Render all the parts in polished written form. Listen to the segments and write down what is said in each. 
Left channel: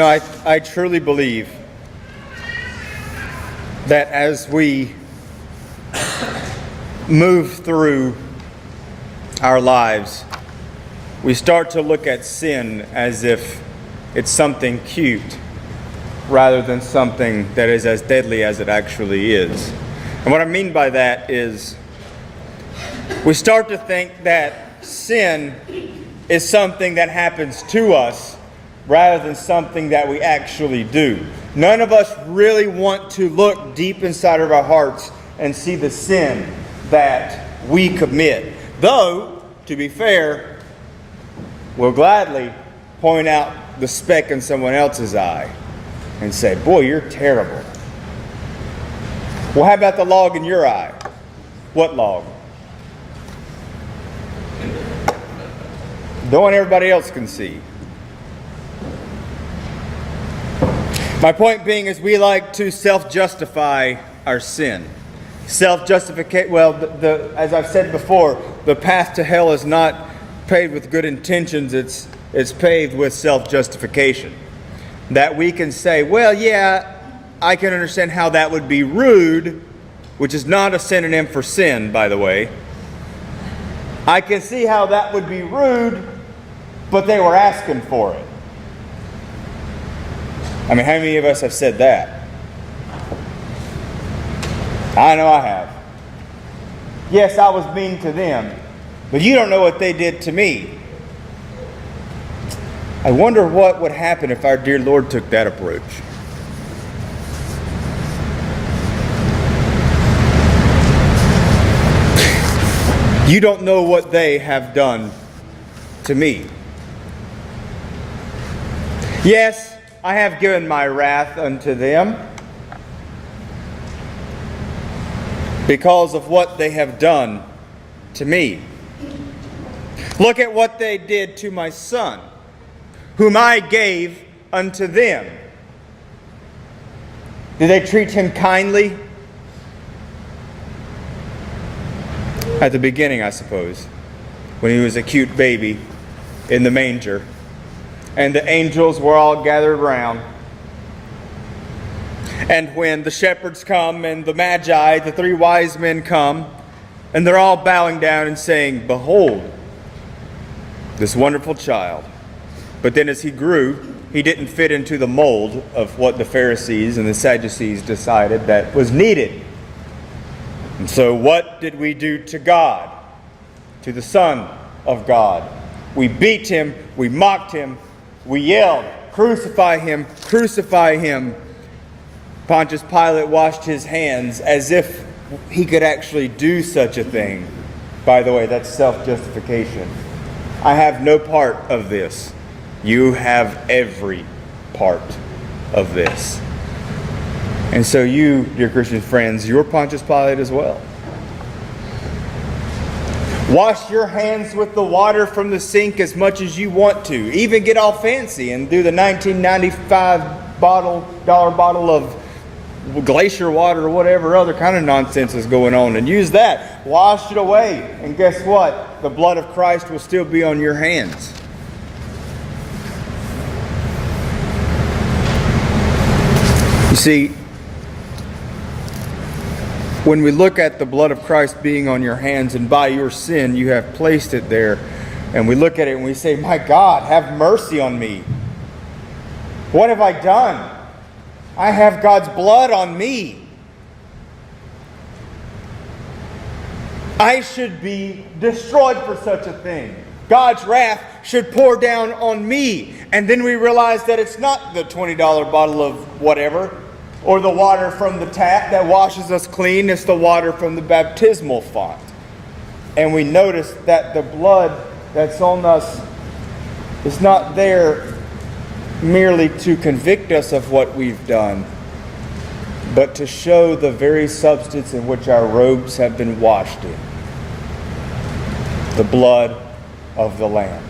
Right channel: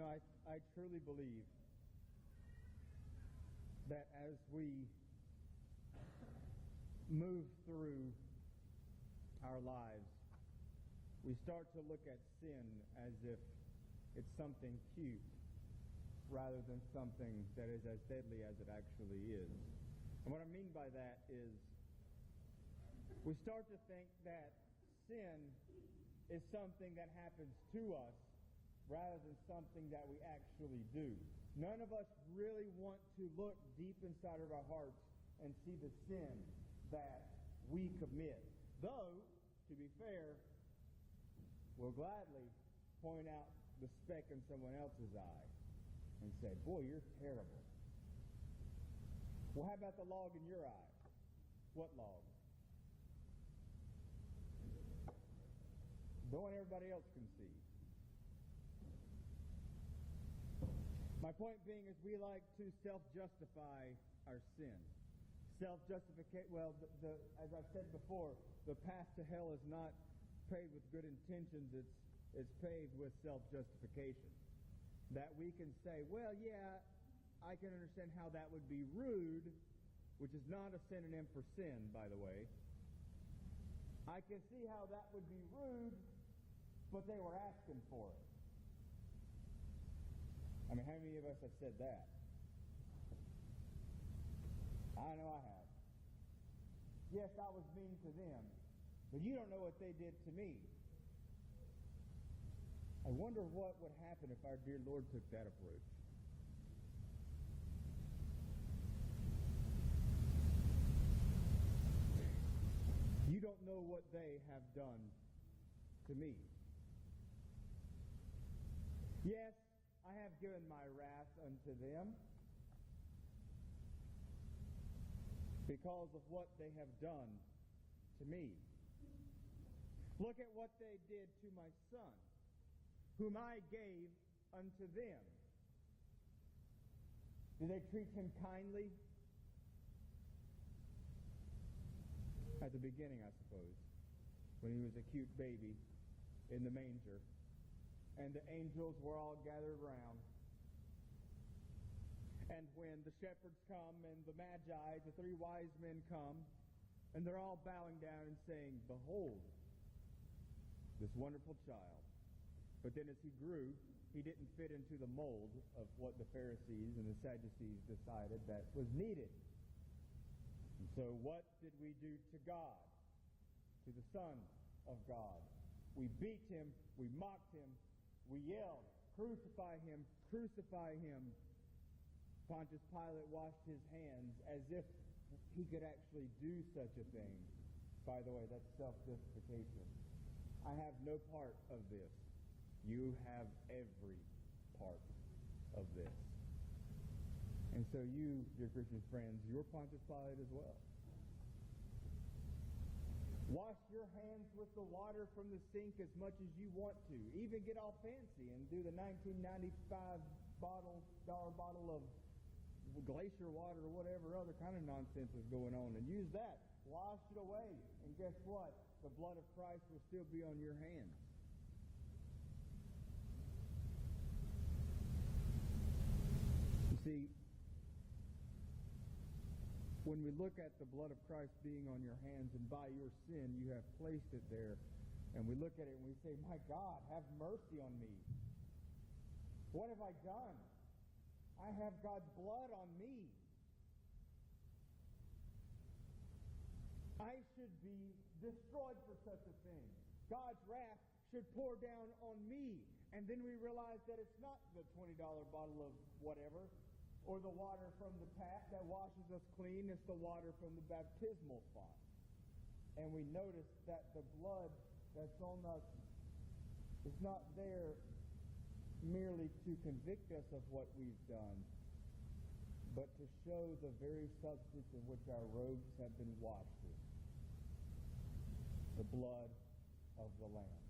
I truly believe that as we move through our lives, we start to look at sin as if it's something cute rather than something that is as deadly as it actually is. And what I mean by that is we start to think that sin is something that happens to us rather than something that we actually do. None of us really want to look deep inside of our hearts and see the sin that we commit. Though, to be fair, we'll gladly point out the speck in someone else's eye and say, boy, you're terrible. Well, how about the log in your eye? What log? The one everybody else can see. My point being is we like to self-justify our sin. Self-justify, well, as I've said before, the path to hell is not paved with good intentions, it's paved with self-justification. That we can say, well, yeah, I can understand how that would be rude, which is not a synonym for sin, by the way. I can see how that would be rude, but they were asking for it. I mean, how many of us have said that? I know I have. Yes, I was mean to them, but you don't know what they did to me. I wonder what would happen if our dear Lord took that approach. You don't know what they have done to me. Yes, I have given my wrath unto them because of what they have done to me. Look at what they did to my son, whom I gave unto them. Did they treat him kindly? At the beginning, I suppose, when he was a cute baby in the manger, and the angels were all gathered round. And when the shepherds come and the magi, the three wise men come, and they're all bowing down and saying, behold, this wonderful child. But then as he grew, he didn't fit into the mold of what the Pharisees and the Sadducees decided that was needed. And so what did we do to God, to the Son of God? We beat him, we mocked him, we yelled, crucify him, crucify him. Pontius Pilate washed his hands as if he could actually do such a thing. By the way, that's self-justification. I have no part of this. You have every part of this. And so you, dear Christian friends, you're Pontius Pilate as well. Wash your hands with the water from the sink as much as you want to. Even get all fancy and do the $19.95 bottle of glacier water or whatever other kind of nonsense is going on. And use that. Wash it away. And guess what? The blood of Christ will still be on your hands. You see, when we look at the blood of Christ being on your hands and by your sin you have placed it there, and we look at it and we say, my God, have mercy on me. What have I done? I have God's blood on me. I should be destroyed for such a thing. God's wrath should pour down on me. And then we realize that it's not the $20 bottle of whatever, or the water from the tap that washes us clean. It's the water from the baptismal font. And we notice that the blood that's on us is not there merely to convict us of what we've done, but to show the very substance in which our robes have been washed in. The blood of the Lamb.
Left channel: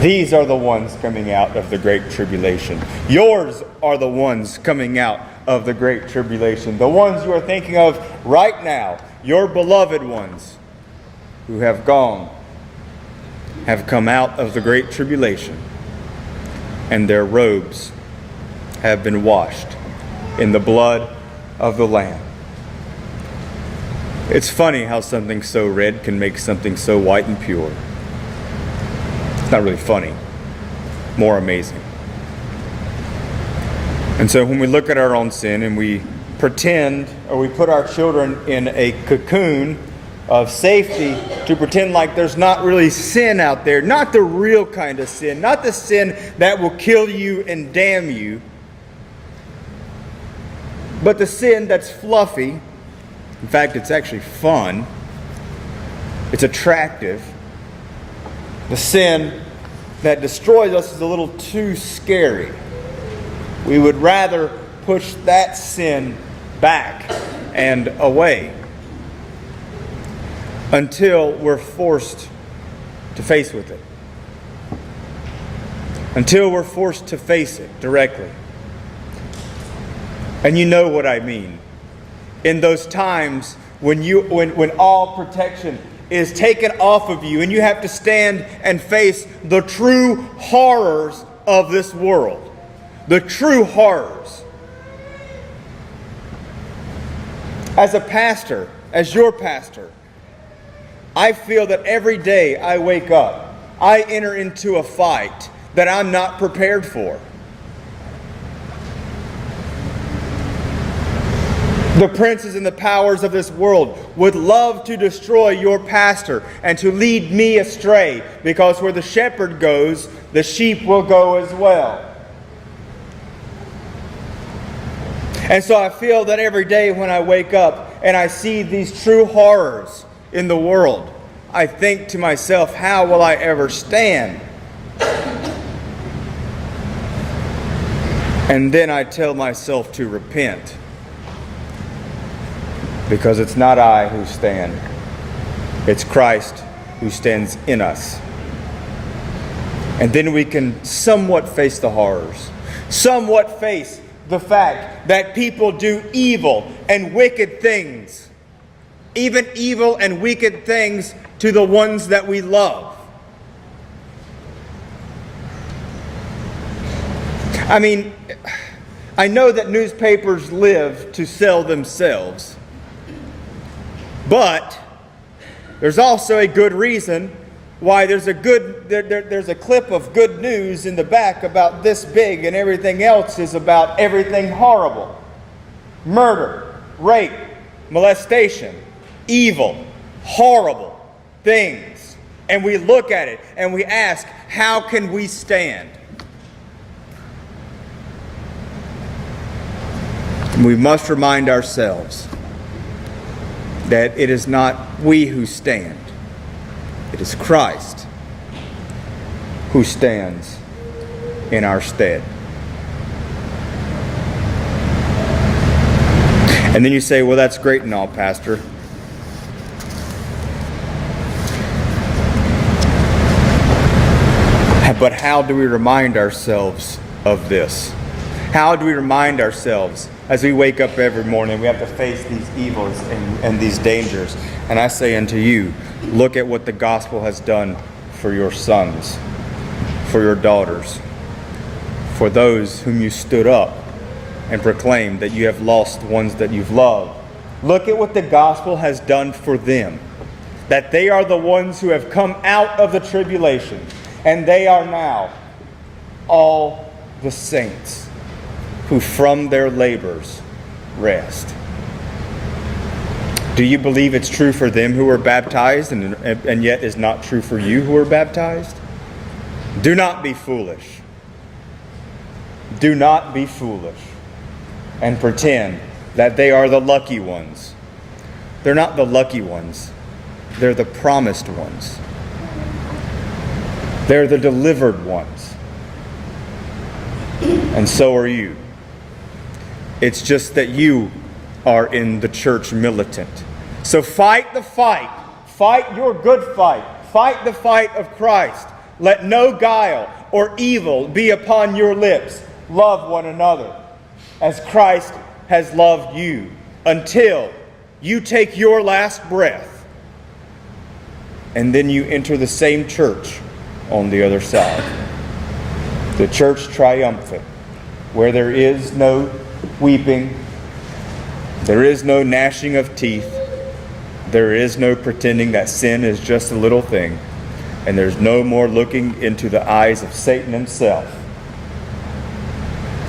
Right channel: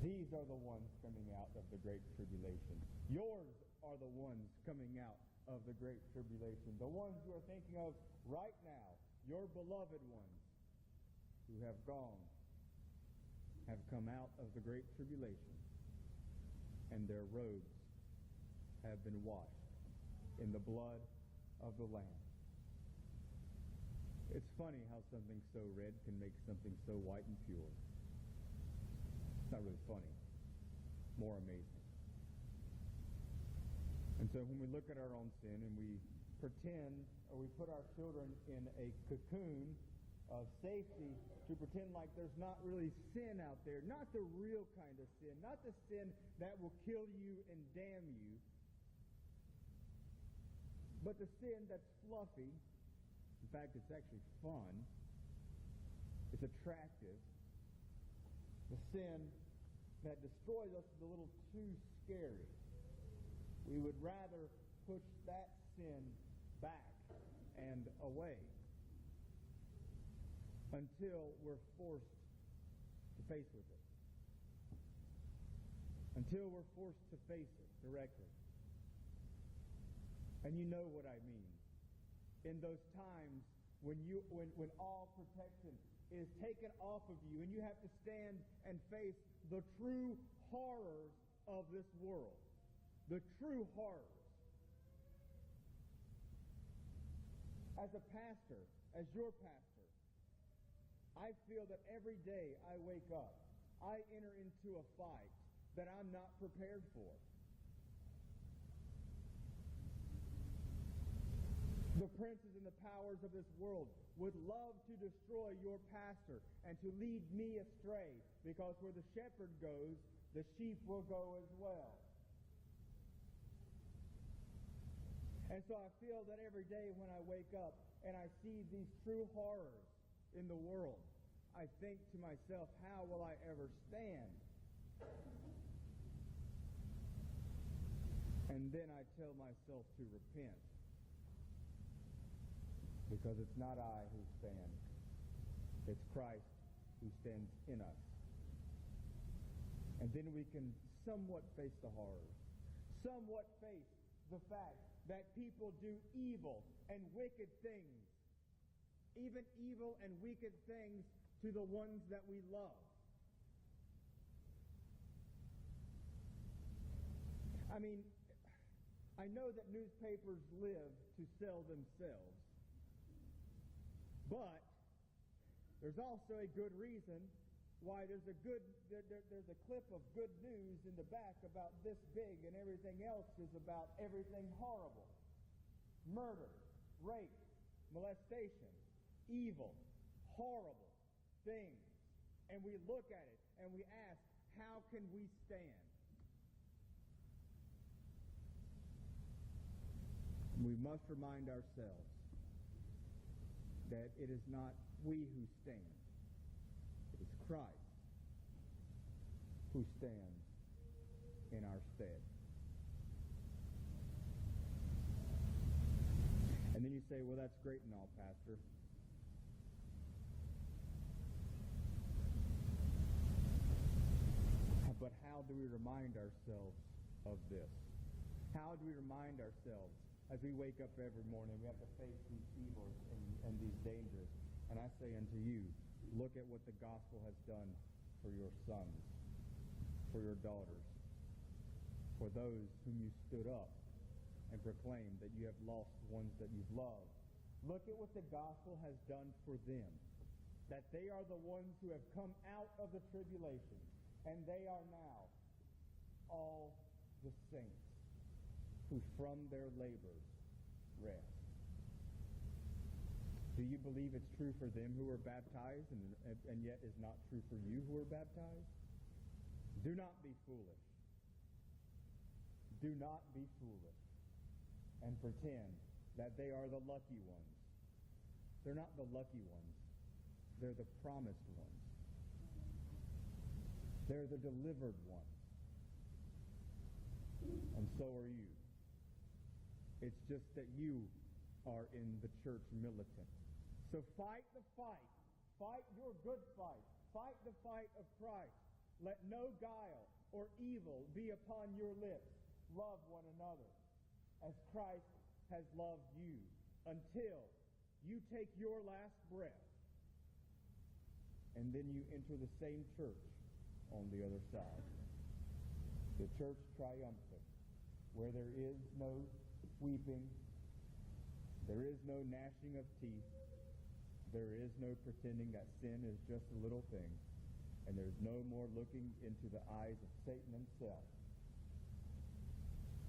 These are the ones coming out of the great tribulation. Yours are the ones coming out of the great tribulation. The ones you are thinking of right now, your beloved ones who have gone, have come out of the great tribulation. and their robes have been washed in the blood of the Lamb. It's funny how something so red can make something so white and pure. It's not really funny, more amazing. And so when we look at our own sin and we pretend, or we put our children in a cocoon of safety to pretend like there's not really sin out there, not the real kind of sin, not the sin that will kill you and damn you, but the sin that's fluffy. In fact, it's actually fun. It's attractive. The sin that destroys us is a little too scary. We would rather push that sin back and away until we're forced to face with it. Until we're forced to face it directly. And you know what I mean. In those times when all protection is taken off of you and you have to stand and face the true horrors of this world. The true horrors. As a pastor, as your pastor, I feel that every day I wake up, I enter into a fight that I'm not prepared for. The princes and the powers of this world would love to destroy your pastor and to lead me astray, because where the shepherd goes, the sheep will go as well. And so I feel that every day when I wake up and I see these true horrors in the world, I think to myself, how will I ever stand? And then I tell myself to repent. Because it's not I who stand. It's Christ who stands in us. And then we can somewhat face the horrors. Somewhat face the fact that people do evil and wicked things. Even evil and wicked things to the ones that we love. I mean, I know that newspapers live to sell themselves. But there's also a good reason why there's a clip of good news in the back about this big, and everything else is about everything horrible. Murder, rape, molestation, evil, horrible things. And we look at it and we ask, how can we stand? We must remind ourselves that it is not we who stand. It is Christ who stands in our stead. And then you say, well, that's great and all, Pastor. But how do we remind ourselves of this? How do we remind ourselves as we wake up every morning? We have to face these evils and these dangers. And I say unto you, look at what the gospel has done for your sons, for your daughters, for those whom you stood up and proclaimed that you have lost ones that you've loved. Look at what the gospel has done for them, that they are the ones who have come out of the tribulation, and they are now all the saints who from their labors rest. Do you believe it's true for them who were baptized and yet is not true for you who are baptized? Do not be foolish. Do not be foolish and pretend that they are the lucky ones. They're not the lucky ones. They're the promised ones. They're the delivered ones. And so are you. It's just that you are in the church militant. So fight the fight. Fight your good fight. Fight the fight of Christ. Let no guile or evil be upon your lips. Love one another as Christ has loved you, until you take your last breath and then you enter the same church on the other side. The church triumphant, where there is no weeping, there is no gnashing of teeth, there is no pretending that sin is just a little thing, and there's no more looking into the eyes of Satan himself.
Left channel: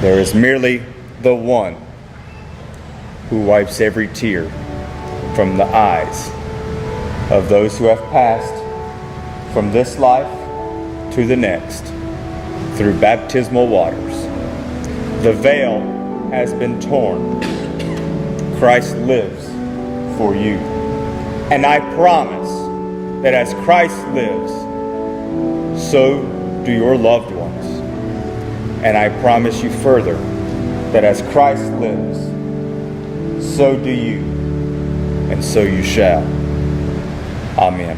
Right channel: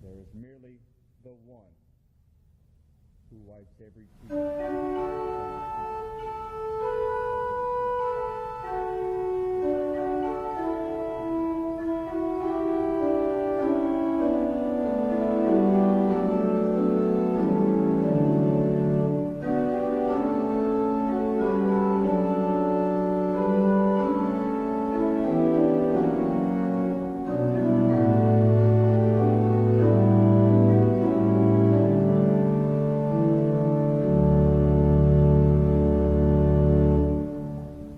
There is merely the one who wipes every tear from the eyes of those who have passed from this life to the next through baptismal waters. The veil has been torn. Christ lives for you. And I promise that as Christ lives, so do your loved ones. And I promise you further that as Christ lives, so do you, and so you shall. Amen.